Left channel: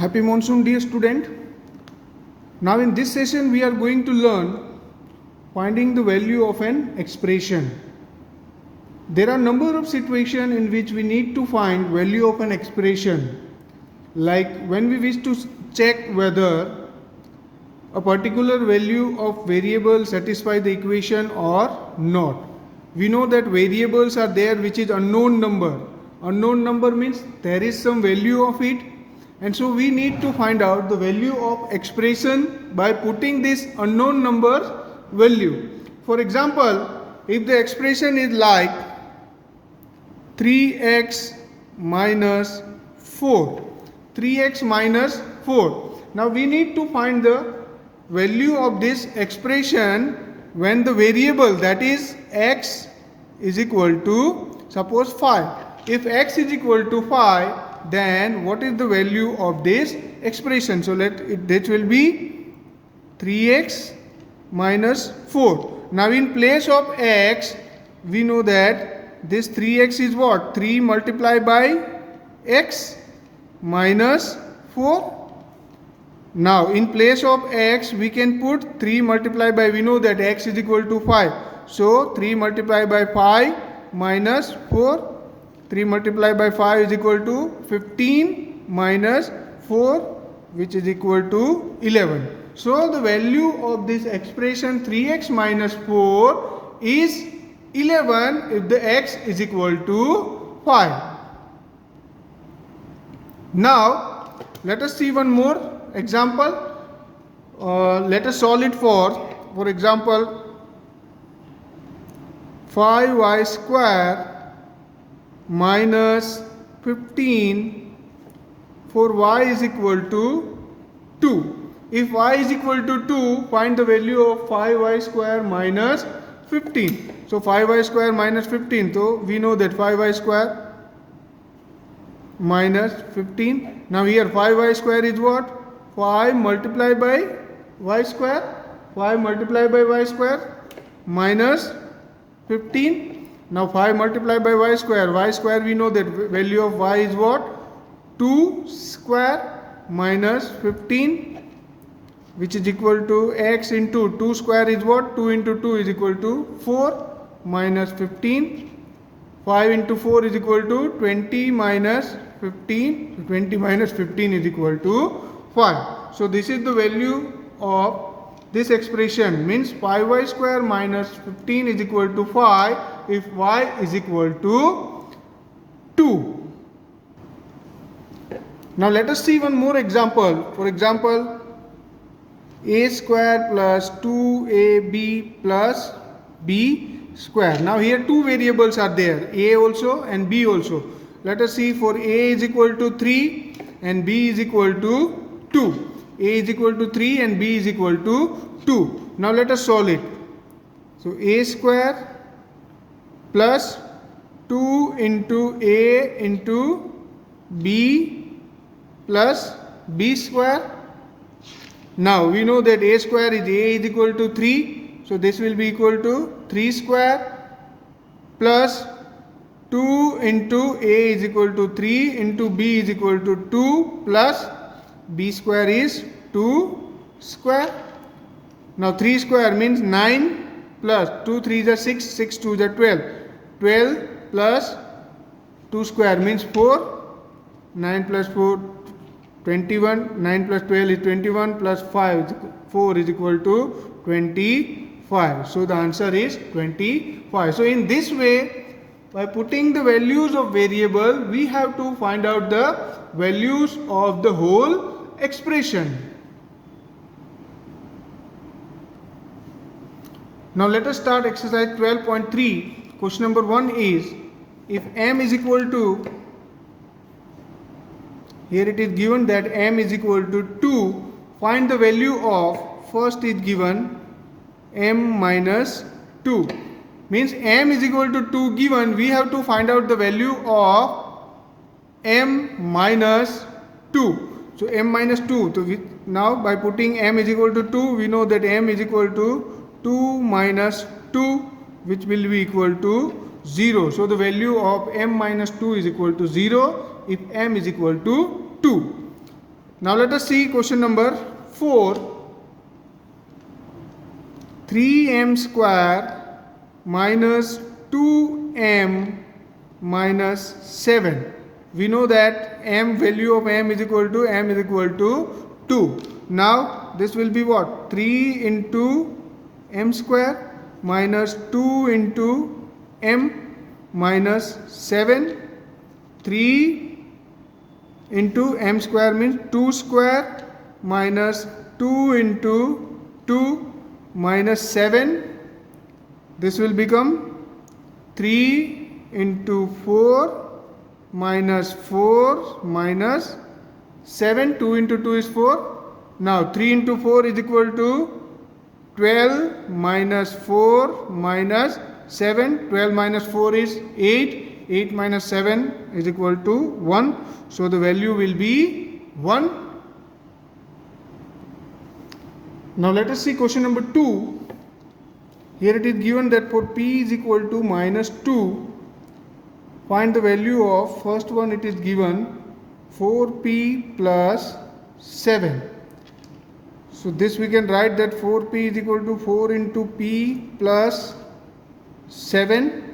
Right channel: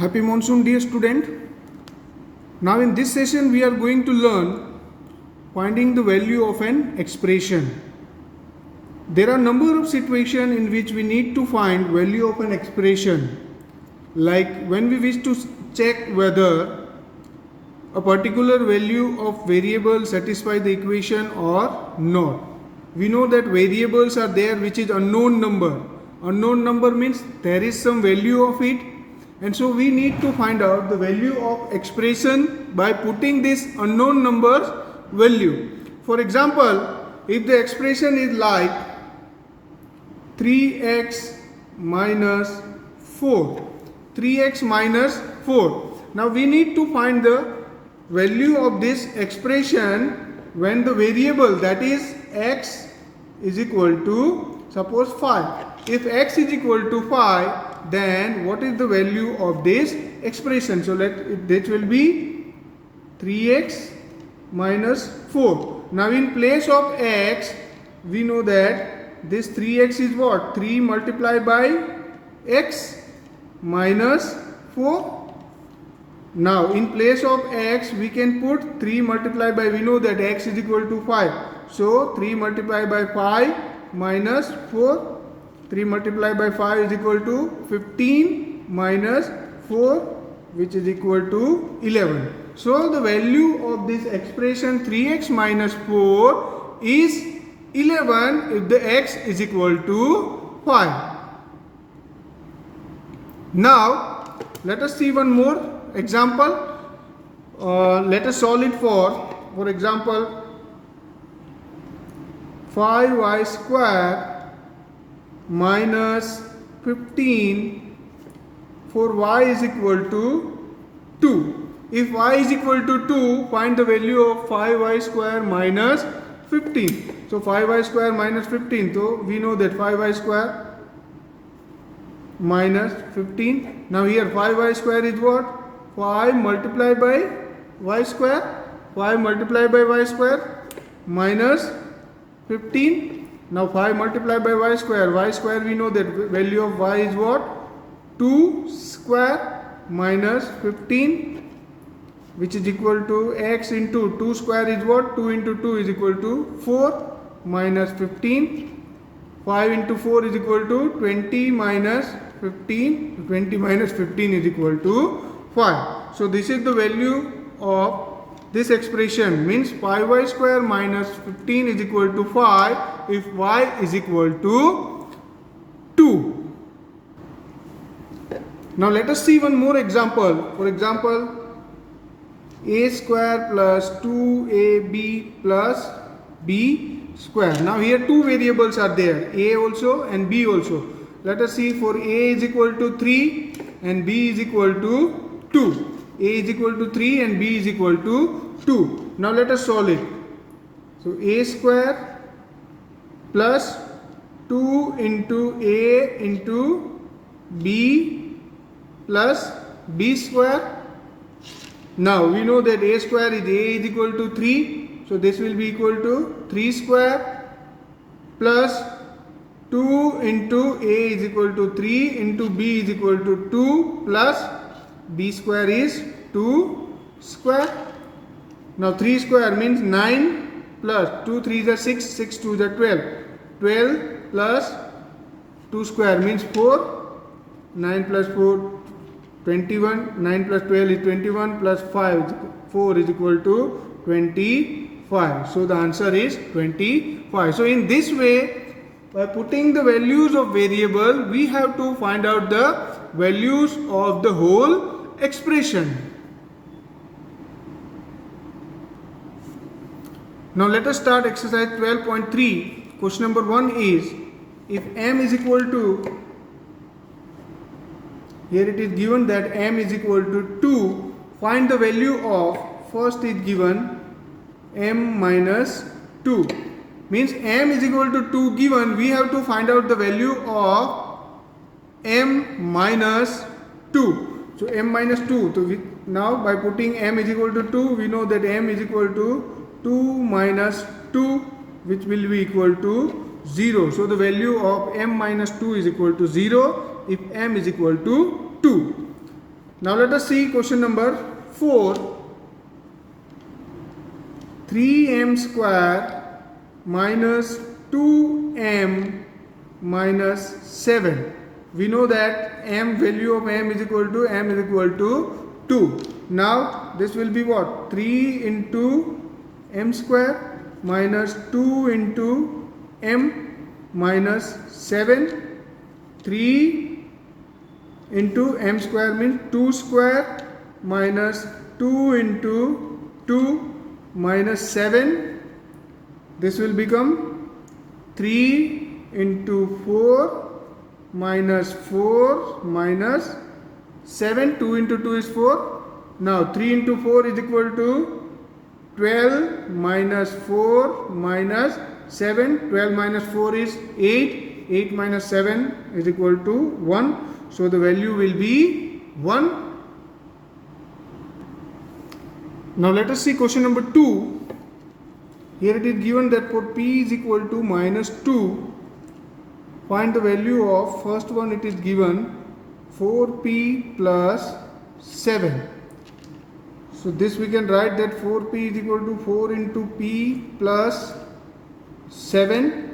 Happy monsoon, dear student. Now in this session we are going to learn finding the value of an expression. There are number of situations in which we need to find value of an expression, like when we wish to check whether a particular value of variable satisfy the equation or not. We know that variables are there which is unknown number. Unknown number means there is some value of it, and so we need to find out the value of expression by putting this unknown number's value. For example, if the expression is like 3x minus 4, 3x minus 4. Now we need to find the value of this expression when the variable, that is x, is equal to suppose 5. If x is equal to 5, then what is the value of this expression? So that will be 3x minus 4. Now in place of x, we know that this 3x is what? 3 multiplied by x minus 4. Now in place of x, we can put 3 multiplied by, we know that x is equal to 5. So 3 multiplied by 5 minus 4. 3 multiplied by 5 is equal to 15 minus 4, which is equal to 11. So the value of this expression 3x minus 4 is 11 if the x is equal to 5. Now let us see one more example. Let us solve it for example, 5y square minus 15 for y is equal to 2. If y is equal to 2, find the value of 5y square minus 15. So 5y square minus 15. So we know that 5y square minus 15. Now here 5y square is what? 5 multiplied by y square. 5 multiplied by y square minus 15. Now 5 multiplied by y square we know that value of y is what? 2 square minus 15, which is equal to x into 2 square is what? 2 into 2 is equal to 4 minus 15. 5 into 4 is equal to 20 minus 15. 20 minus 15 is equal to 5. So this is the value of this expression, means 5y square minus 15 is equal to 5 if y is equal to 2. Now let us see one more example. For example, a square plus 2ab plus b square. Now here two variables are there, a also and b also. Let us see, for a is equal to 3 and b is equal to 2. A is equal to 3 and b is equal to 2. Now let us solve it. So a square plus 2 into a into b plus b square. Now we know that a square is a is equal to 3. So this will be equal to 3 square plus 2 into a is equal to 3 into b is equal to 2 plus b square is 2 square. Now 3 square means 9 plus 2 3 is 6, 6 2 is 12. 12 plus 2 square means 4. 9 plus 4 21. 9 plus 12 is 21 plus 5 4 is equal to 25. So the answer is 25. So in this way, by putting the values of variable, we have to find out the values of the whole expression. Now let us start exercise 12.3. Question number 1 is, if m is equal to, here it is given that m is equal to 2, find the value of, first is given m minus 2. Means m is equal to 2 given, we have to find out the value of m minus 2. So m minus 2. So now by putting m is equal to 2, we know that m is equal to 2 minus 2, which will be equal to 0. So the value of m minus 2 is equal to 0 if m is equal to 2. Now let us see question number 4. 3m square minus 2m minus 7. We know that value of m is equal to 2. Now this will be what? 3 into m square minus 2 into m minus 7. 3 into m square means 2 square minus 2 into 2 minus 7. This will become 3 into 4 minus 4 minus 7. 2 into 2 is 4. Now 3 into 4 is equal to 12 minus 4 minus 7. 12 minus 4 is 8. 8 minus 7 is equal to 1. So the value will be 1. Now let us see question number 2. Here it is given that for p is equal to minus 2, find the value of, first one it is given 4p plus 7. So this we can write that 4p is equal to 4 into p plus 7.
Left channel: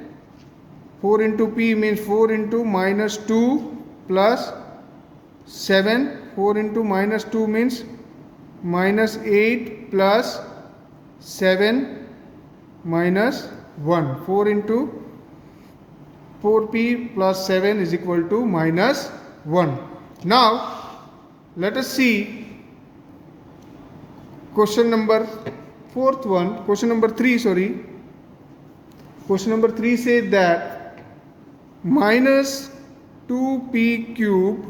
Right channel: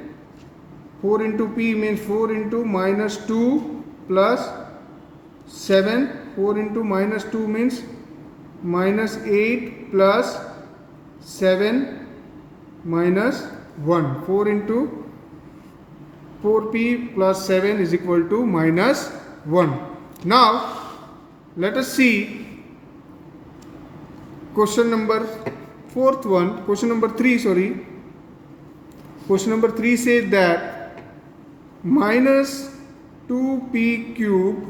4 into p means 4 into minus 2 plus 7. 4 into minus 2 means minus 8 plus 7 minus 1. 4 into 4p plus 7 is equal to minus 1. Now let us see question number 3. Question number 3 says that minus 2p cube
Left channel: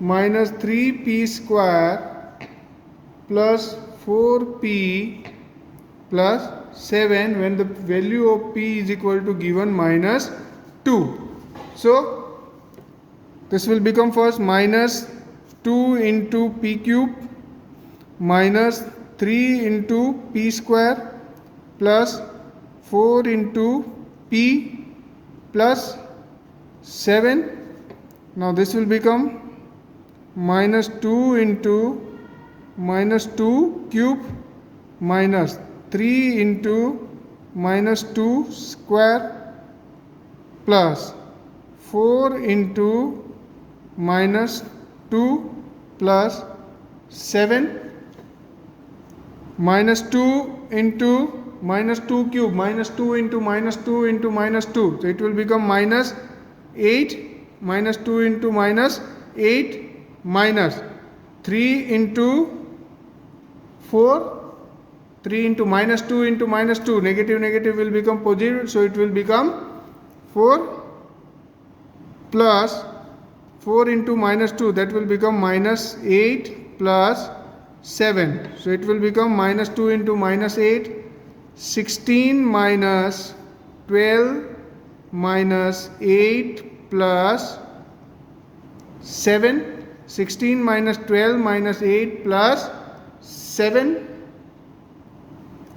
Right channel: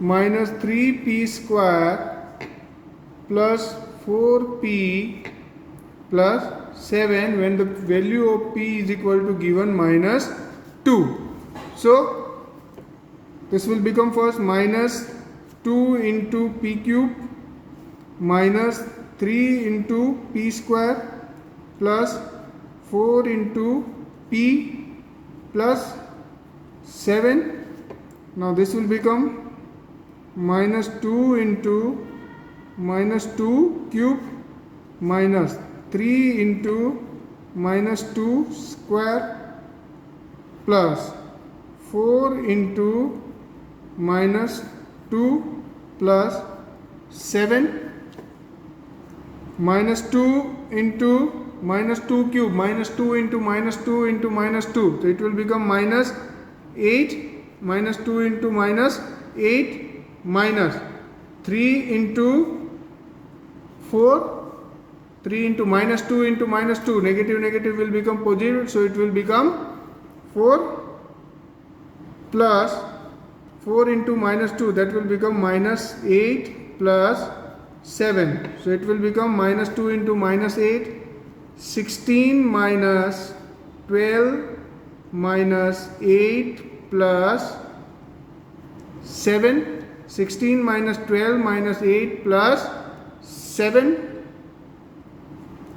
minus 3p square plus 4p plus 7 when the value of p is equal to given minus 2. So this will become first minus 2 into p cube minus 3 into p square plus 4 into p plus 7. Now this will become minus 2 into minus 2 cube minus 3 into minus 2 square plus 4 into minus 2 plus 7. Minus 2 into minus 2 cube minus 2 into minus 2 into minus 2. So it will become minus 8. Minus 2 into minus 8 minus 3 into 4. 3 into minus 2 into minus 2. Negative will become positive. So it will become 4 plus 4 into minus 2. That will become minus 8 plus 7. So it will become minus 2 into minus 8. 16 minus 12 minus 8 plus 7. 16 minus 12 minus 8 plus 7.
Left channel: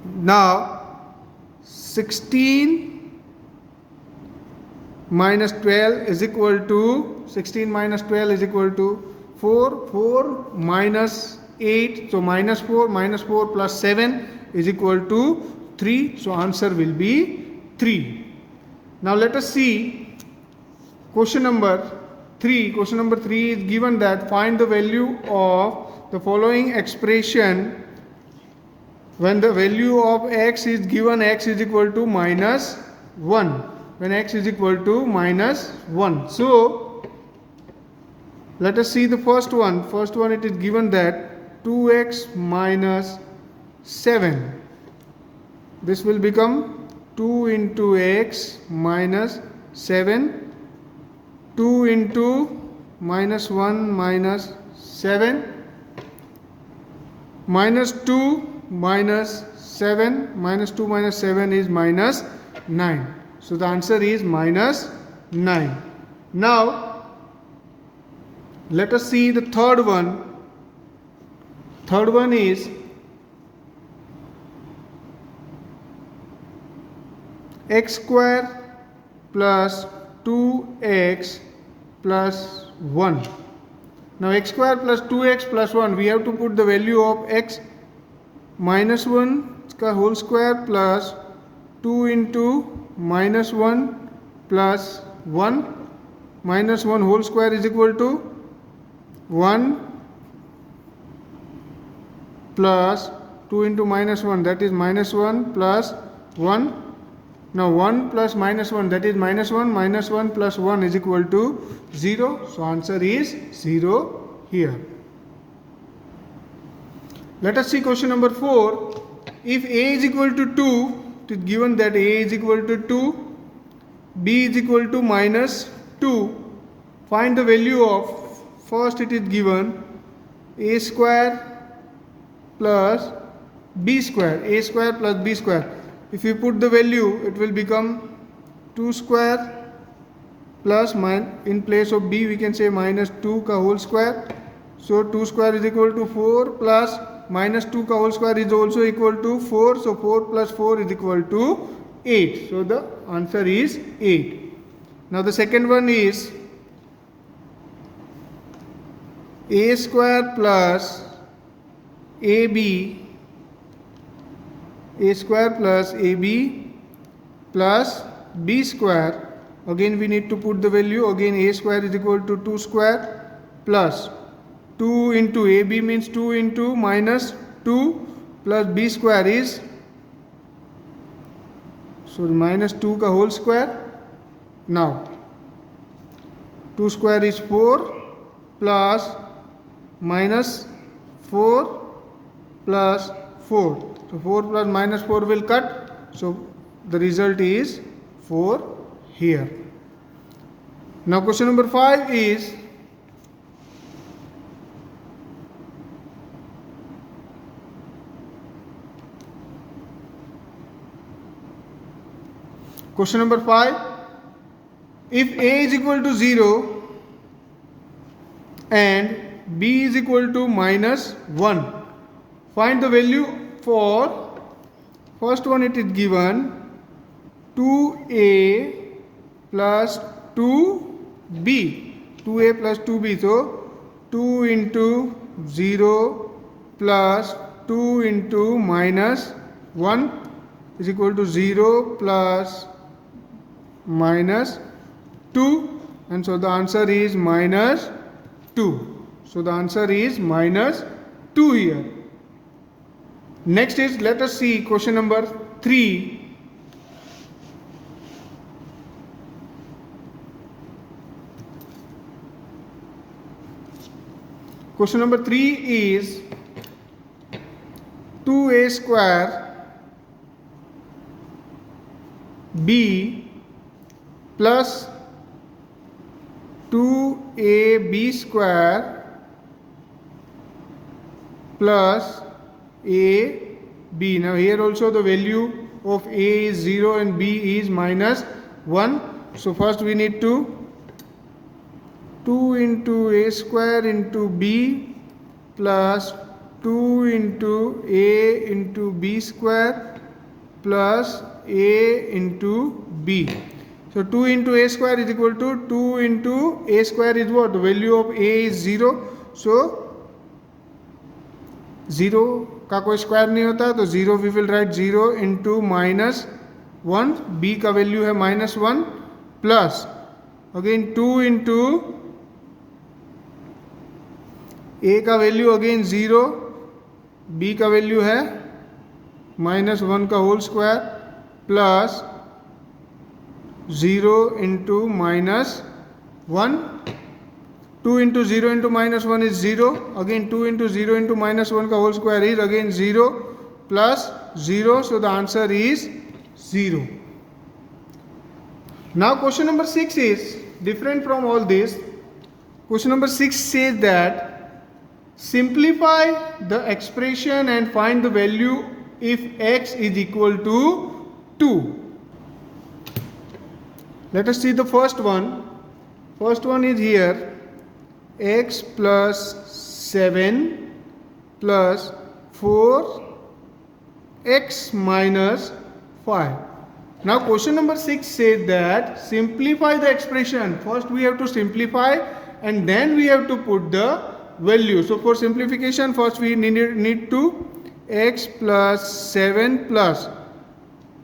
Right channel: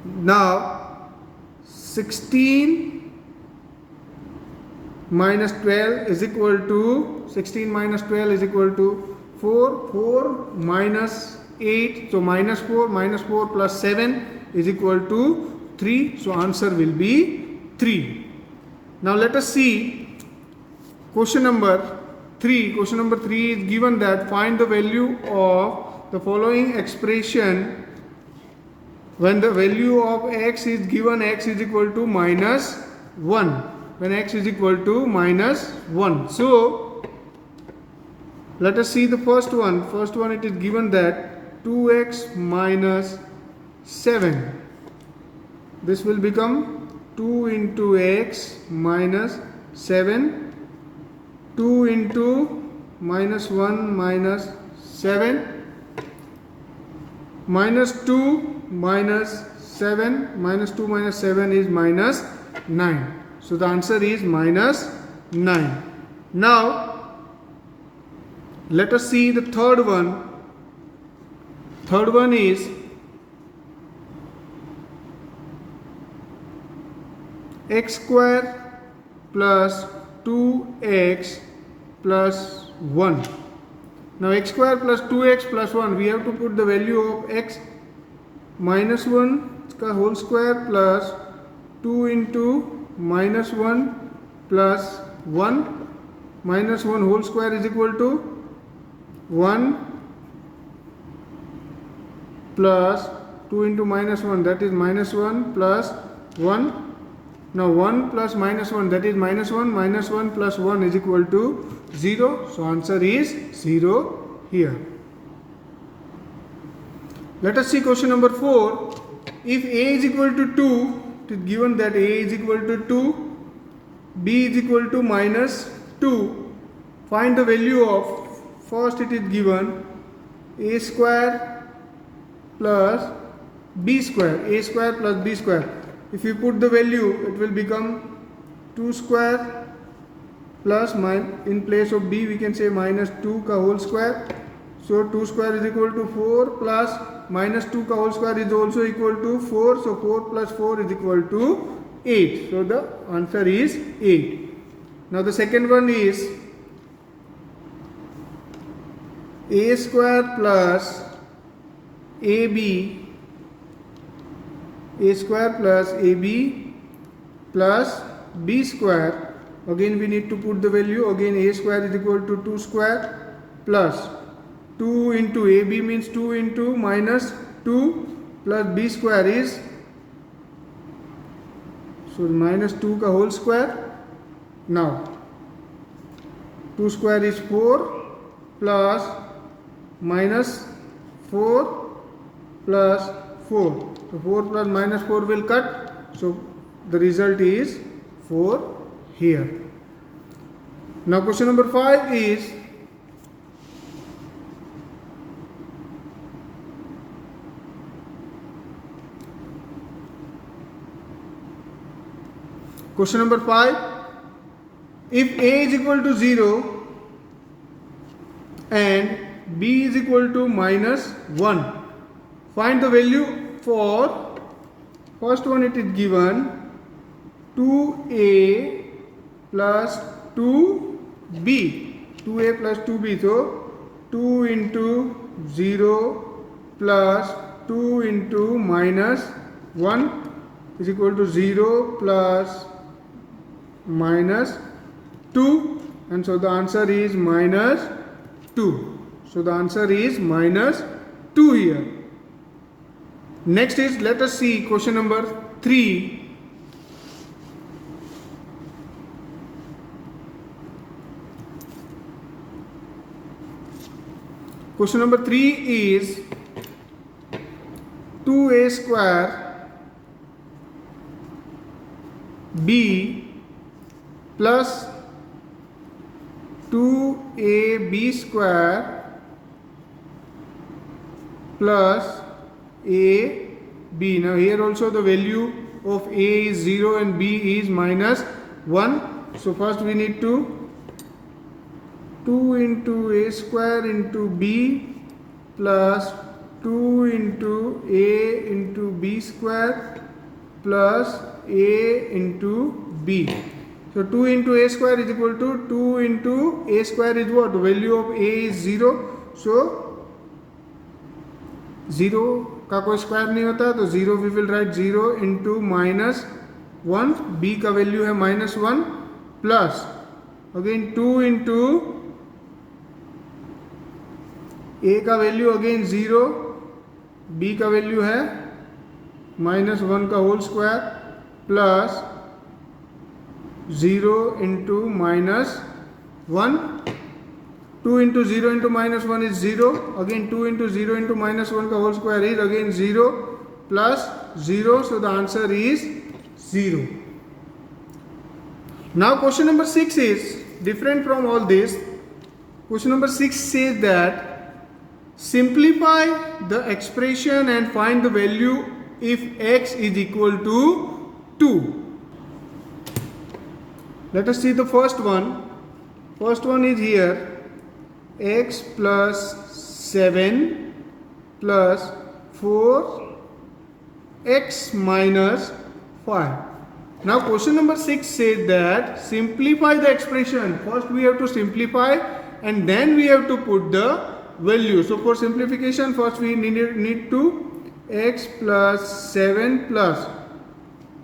Now 16 minus 12 is equal to 4. 4 minus 8. So minus 4 plus 7 is equal to 3. So answer will be 3. Now let us see question number 3. Question number 3 is given that find the value of the following expression when the value of x is given x is equal to minus 1. When x is equal to minus 1. So let us see the first one. First one it is given that 2x minus 7. This will become 2 into x minus 7. 2 into minus 1 minus 7. Minus 2 minus 7. Minus 2 minus 7 is minus 9. So the answer is minus 9. Now let us see the third one. Third one is x square plus 2x plus 1. Now x square plus 2x plus 1, we have to put the value of x minus 1 का whole square plus 2 into minus 1 plus 1 minus 1 whole square is equal to 1 plus 2 into minus 1, that is minus 1 plus 1. Now 1 plus minus 1, that is minus 1 plus 1 is equal to 0. So answer is 0 here. Let us see question number 4. If a is equal to 2, it is given that a is equal to 2, b is equal to minus 2. Find the value of, first it is given a square plus b square, a square plus b square. If you put the value, it will become 2 square plus in place of b we can say minus 2 का whole square. So 2 square is equal to 4 plus minus 2 का whole square is also equal to 4. So 4 plus 4 is equal to 8. So the answer is 8. Now the second one is a square plus ab, a square plus ab plus b square. Again we need to put the value. Again a square is equal to 2 square plus 2 into ab means 2 into minus 2 plus b square is, so minus 2 का whole square. Now 2 square is 4 plus minus 4 plus 4. So 4 plus minus 4 will cut. So the result is 4 here. Now question number 5 is question number 5. If a is equal to 0 and b is equal to minus 1, find the value for first one. It is given 2a plus 2b, 2a plus 2b. So 2 into 0 plus 2 into minus 1 is equal to 0 plus minus 2, and so the answer is minus 2. So the answer is minus 2 here. Next is, let us see question number 3. Question number 3 is 2a square b plus 2ab square plus a b. Now here also the value of a is 0 and b is minus 1. So first we need to 2 into a square into b plus 2 into a into b square plus a into b. So 2 into a square is equal to 2 into a square is what? The value of a is 0. So 0 का कोई square नहीं होता, तो 0 we will write 0 into minus 1, b का value है minus 1 plus again 2 into a का value again 0, b का value है माइनस 1 का whole square plus 0 into minus 1. 2 into 0 into minus 1 is 0. Again 2 into 0 into minus 1 का whole square is again 0 plus 0. So the answer is 0. Now question number 6 is different from all this. Question number 6 says that simplify the expression and find the value if x is equal to 2. Let us see the first one. First one is here. X plus 7 plus 4 x minus 5. Now question number 6 says that simplify the expression. First we have to simplify and then we have to put the value. So for simplification, first we need to x plus 7 plus,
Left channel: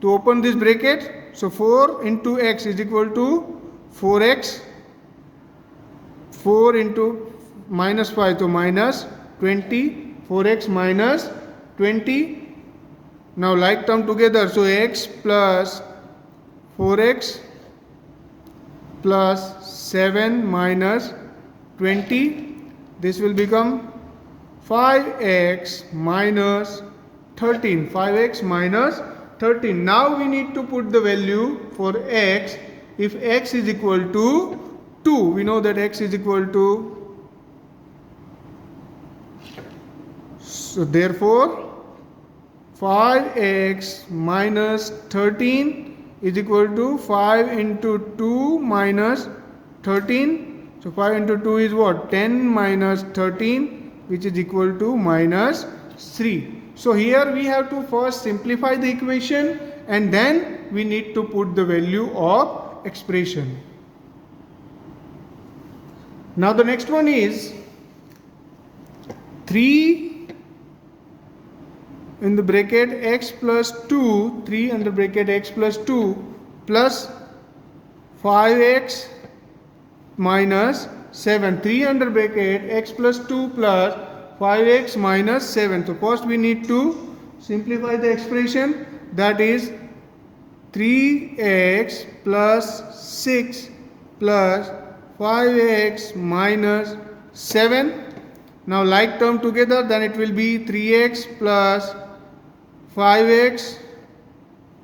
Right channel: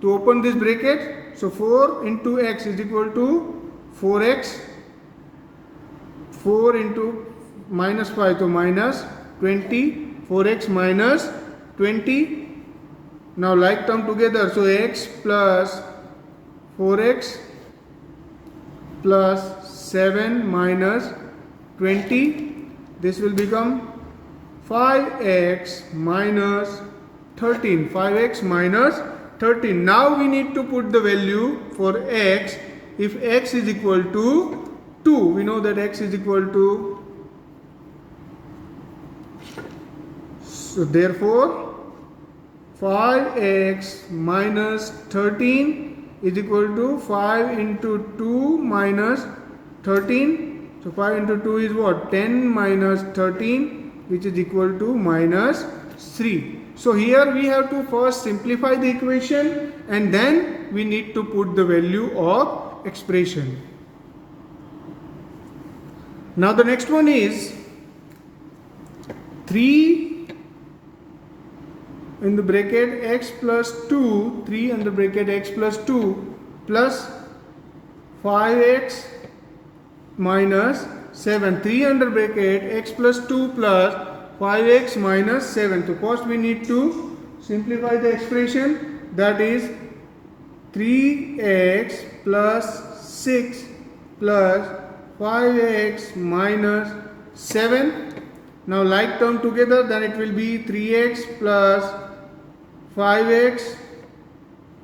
to open this bracket, so 4 into x is equal to 4x, 4 into minus 5, so minus 20, 4x minus 20. Now like term together, so x plus 4x plus 7 minus 20, this will become 5x minus 13, 5x minus 13. Now we need to put the value for x. If x is equal to 2, we know that x is equal to, so therefore 5x minus 13 is equal to 5 into 2 minus 13. So 5 into 2 is what? 10 minus 13, which is equal to minus 3. So here we have to first simplify the equation and then we need to put the value of expression. Now the next one is 3 in the bracket x plus 2, 3 under bracket x plus 2 plus 5x minus 7, 3 under bracket x plus 2 plus 5x minus 7. So first we need to simplify the expression, that is 3x plus 6 plus 5x minus 7. Now like term together, then it will be 3x plus 5x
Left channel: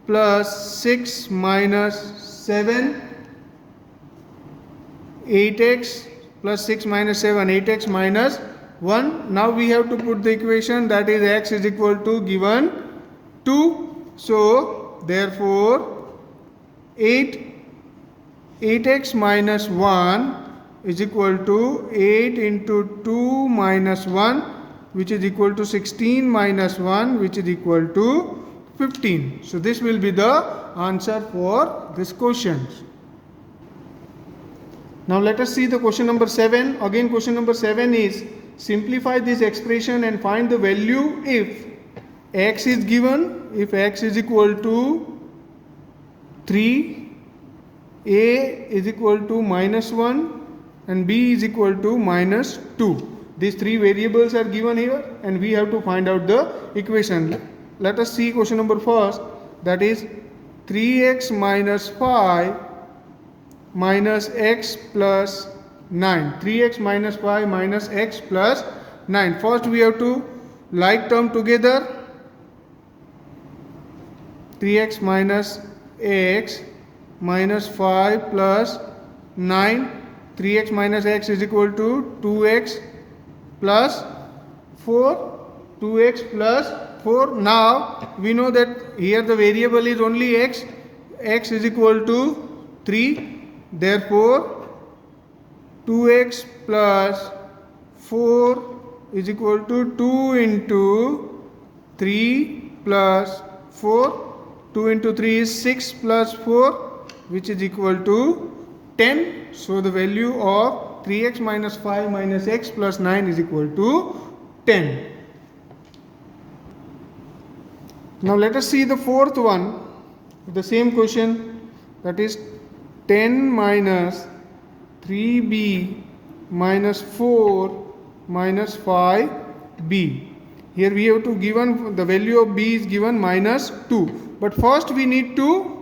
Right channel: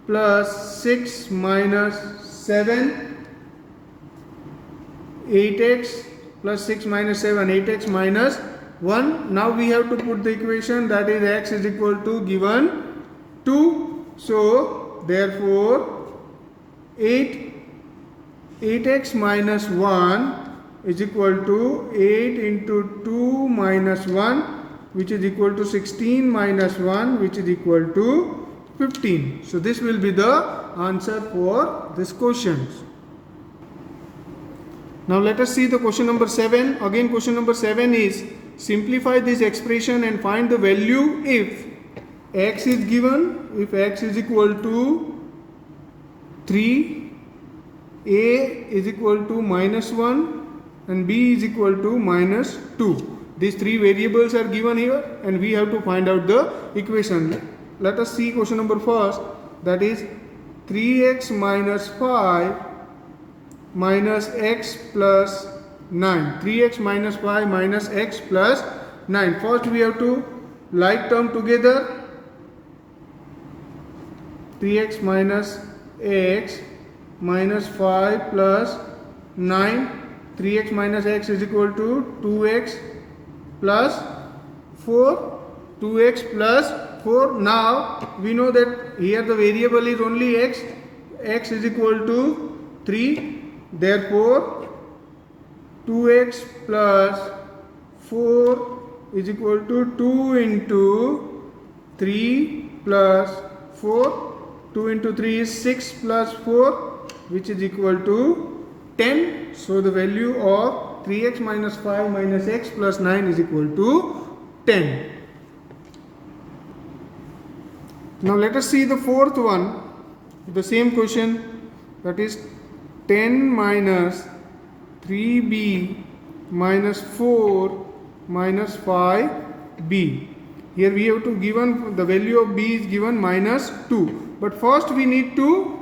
plus 6 minus 7, 8x plus 6 minus 7, 8x minus 1. Now we have to put the equation, that is x is equal to given 2. So therefore 8x minus 1 is equal to 8 into 2 minus 1, which is equal to 16 minus 1, which is equal to 15. So this will be the answer for this question. Now let us see the question number 7. Again, question number 7 is simplify this expression and find the value if x is given, if x is equal to 3, a is equal to minus 1 and b is equal to minus 2. These three variables are given here and we have to find out the equation. Let us see question number first, that is 3x minus 5 minus x plus 9. 3x minus 5 minus x plus 9. First we have to like term together, 3x minus x minus 5 plus 9. 3x minus x is equal to 2x plus 4, 2x plus 4. Now we know that here the variable is only x, x is equal to 3. Therefore 2x plus 4 is equal to 2 into 3 plus 4. 2 into 3 is 6 plus 4, which is equal to 10. So the value of 3x minus 5 minus x plus 9 is equal to 10. Now let us see the fourth one, the same question, that is 10 minus 3b minus 4 minus 5b. Here we have to given the value of b is given minus 2. But first we need to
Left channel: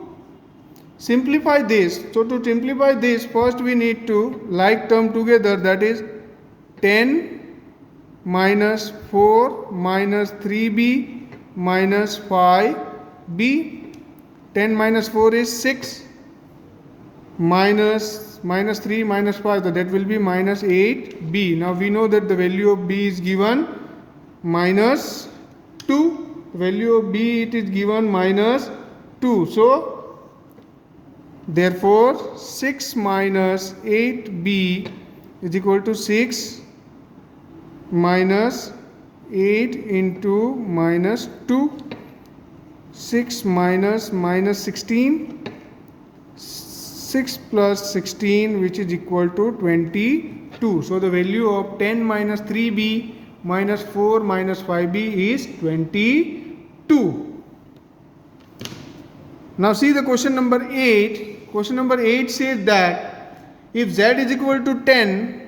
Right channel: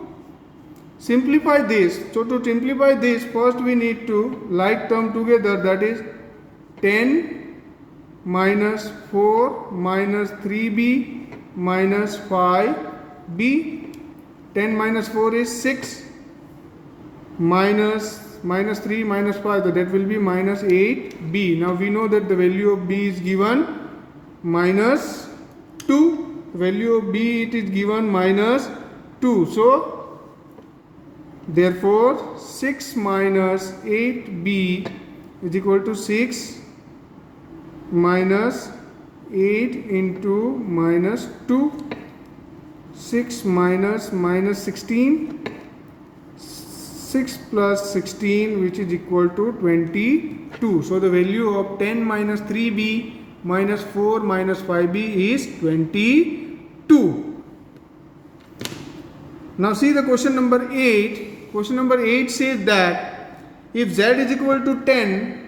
simplify this. So to simplify this, first we need to like term together, that is 10 minus 4 minus 3b minus 5b. 10 minus 4 is 6 minus 3 minus 5, so that will be minus 8b. Now we know that the value of b is given minus 2. The value of b, it is given minus 2. So therefore 6 minus 8b is equal to 6 minus 8 into minus 2. 6 minus minus 16, 6 plus 16, which is equal to 24. 22. So the value of 10 minus 3b minus 4 minus 5b is 22. Now see the question number 8. Question number 8 says that if z is equal to 10,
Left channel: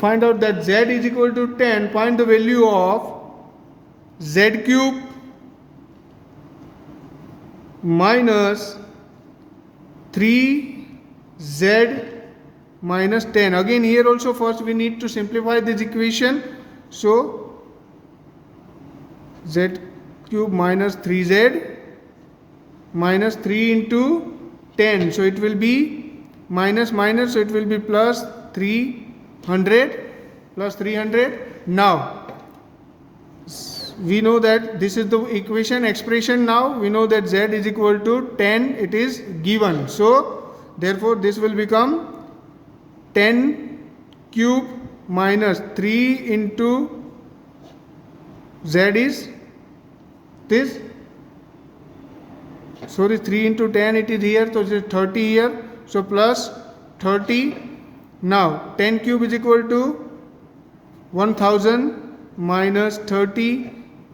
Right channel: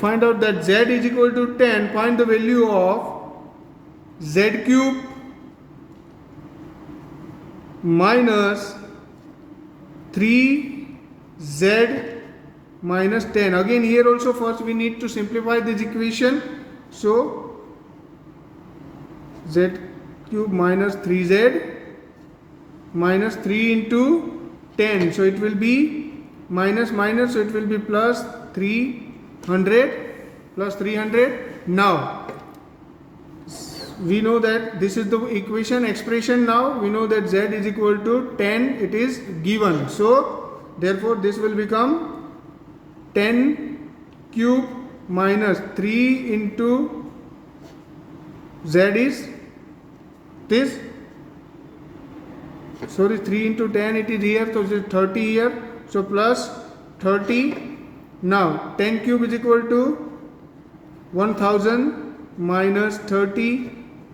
find out that z is equal to 10, find the value of z cube minus 3z minus 10. Again here also first we need to simplify this equation. So z cube minus 3z minus 3 into 10. So it will be minus minus, so it will be plus 300 plus 300. Now we know that this is the equation expression. Now we know that z is equal to 10, it is given. So therefore this will become 10 cube minus 3 into z is this, sorry, 3 into 10 it is here, so it is 30 here, so plus 30. Now 10 cube is equal to 1000 minus 30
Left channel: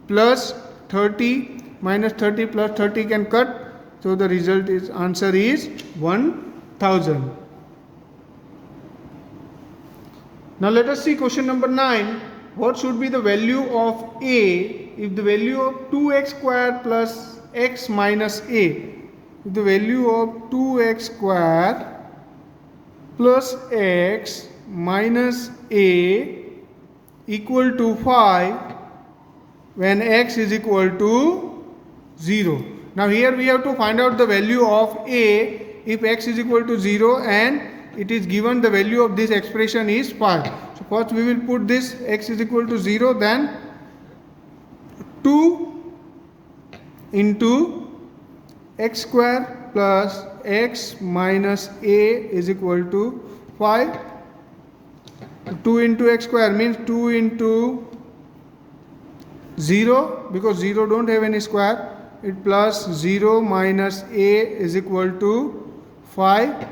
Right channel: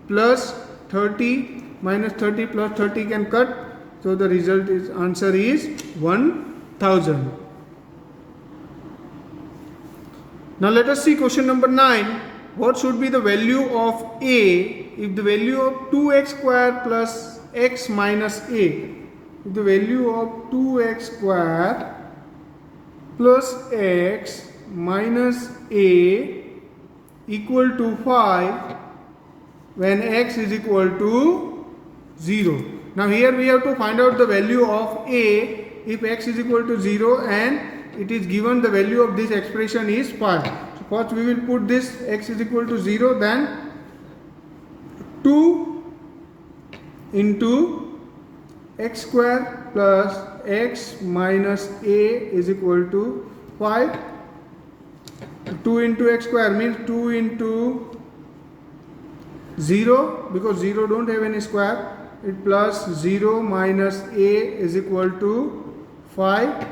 plus 30 minus 30 plus 30 can cut, so the result is answer is 1000. Now let us see question number 9. What should be the value of a if the value of 2x square plus x minus a? If the value of 2x square plus x minus a equal to 5 when x is equal to 0. Now here we have to find out the value of a if x is equal to 0 and it is given the value of this expression is 5. So first we will put this x is equal to 0, then 2 into x square plus x minus a is equal to 5. 2 into x square means 2 into 0, because 0 don't have any square, it plus 0 minus a is equal to 5.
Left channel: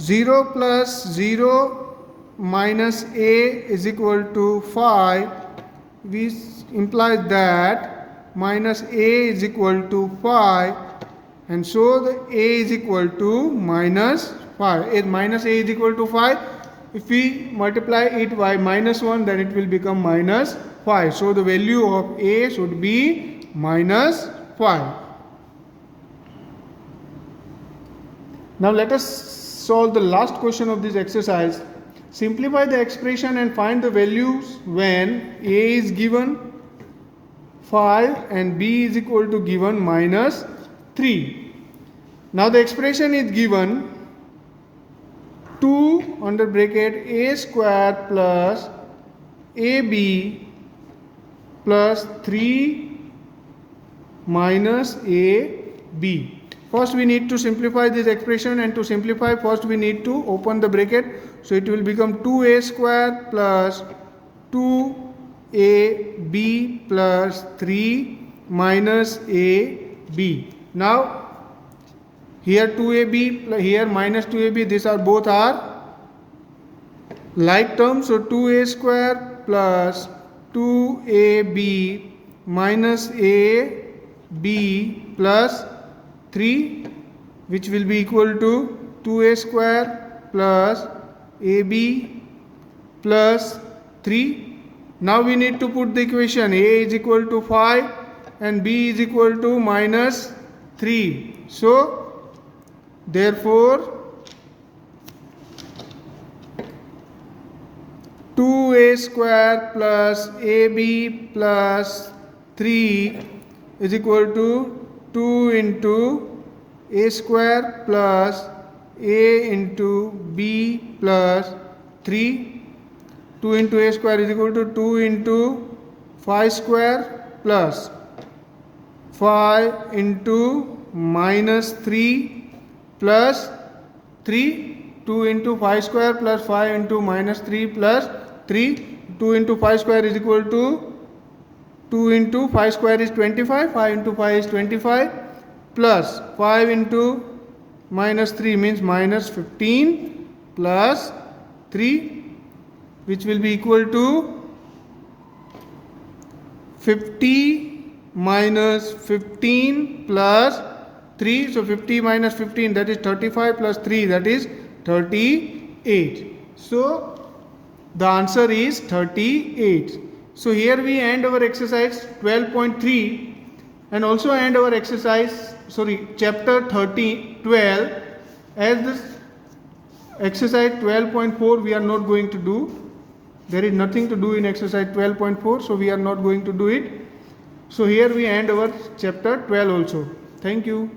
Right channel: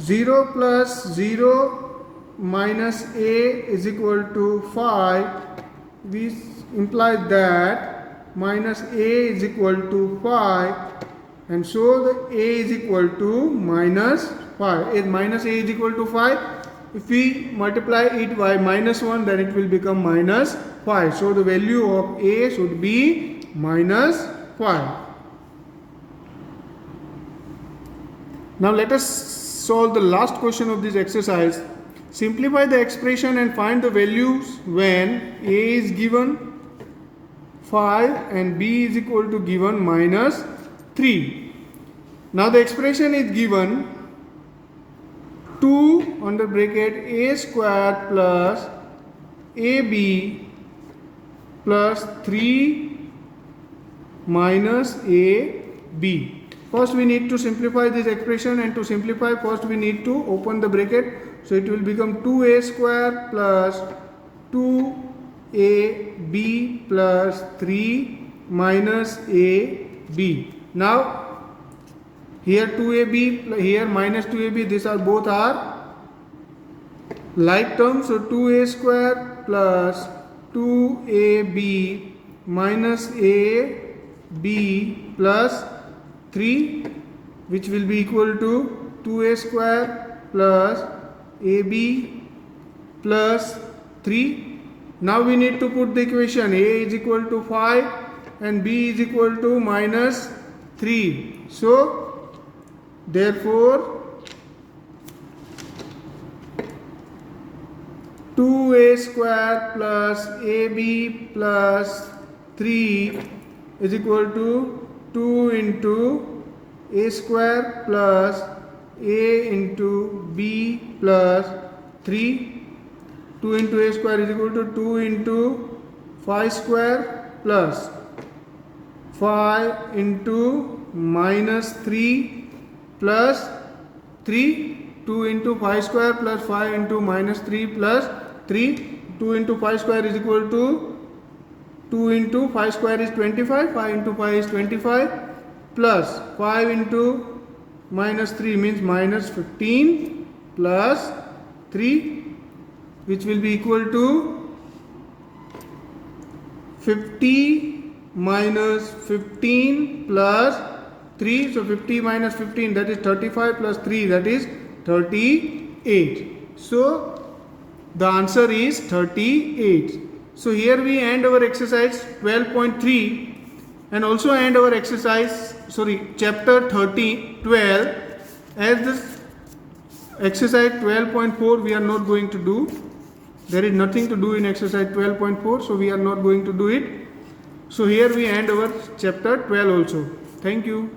0 plus 0 minus a is equal to 5, which implies that minus a is equal to 5, and so the a is equal to minus 5. If minus a is equal to 5, if we multiply it by minus 1, then it will become minus 5. So the value of a should be minus 5. Now let us solve the last question of this exercise. Simplify the expression and find the values when a is given 5 and b is equal to given minus 3. Now the expression is given 2 under bracket a square plus ab plus 3 minus ab. First we need to simplify this expression, and to simplify first we need to open the bracket. So it will become 2a square plus 2ab plus 3 minus ab. Now here 2ab, here minus 2ab, these are both are like terms. So 2a square plus 2ab minus ab plus 3, which will be equal to 2a square plus ab plus 3. Now we need to put the equation a is equal to 5 and b is equal to minus 3. So therefore 2a square plus ab plus 3 is equal to 2 into a square plus a into b plus 3. 2 into a square is equal to 2 into 5 square plus 5 into minus 3 plus 3. 2 into 5 square plus 5 into minus 3 plus 3. 2 into 5 square is equal to 2 into 5 square is 25, 5 into 5 is 25 plus 5 into minus 3 means minus 15 plus 3, which will be equal to 50 minus 15 plus 3. So 50 minus 15, that is 35, plus 3, that is 38. So the answer is 38. So here we end our exercise 12.3 and also end our chapter 12. As this exercise 12.4 we are not going to do. There is nothing to do in exercise 12.4, so we are not going to do it. So here we end our chapter 12 also. Thank you.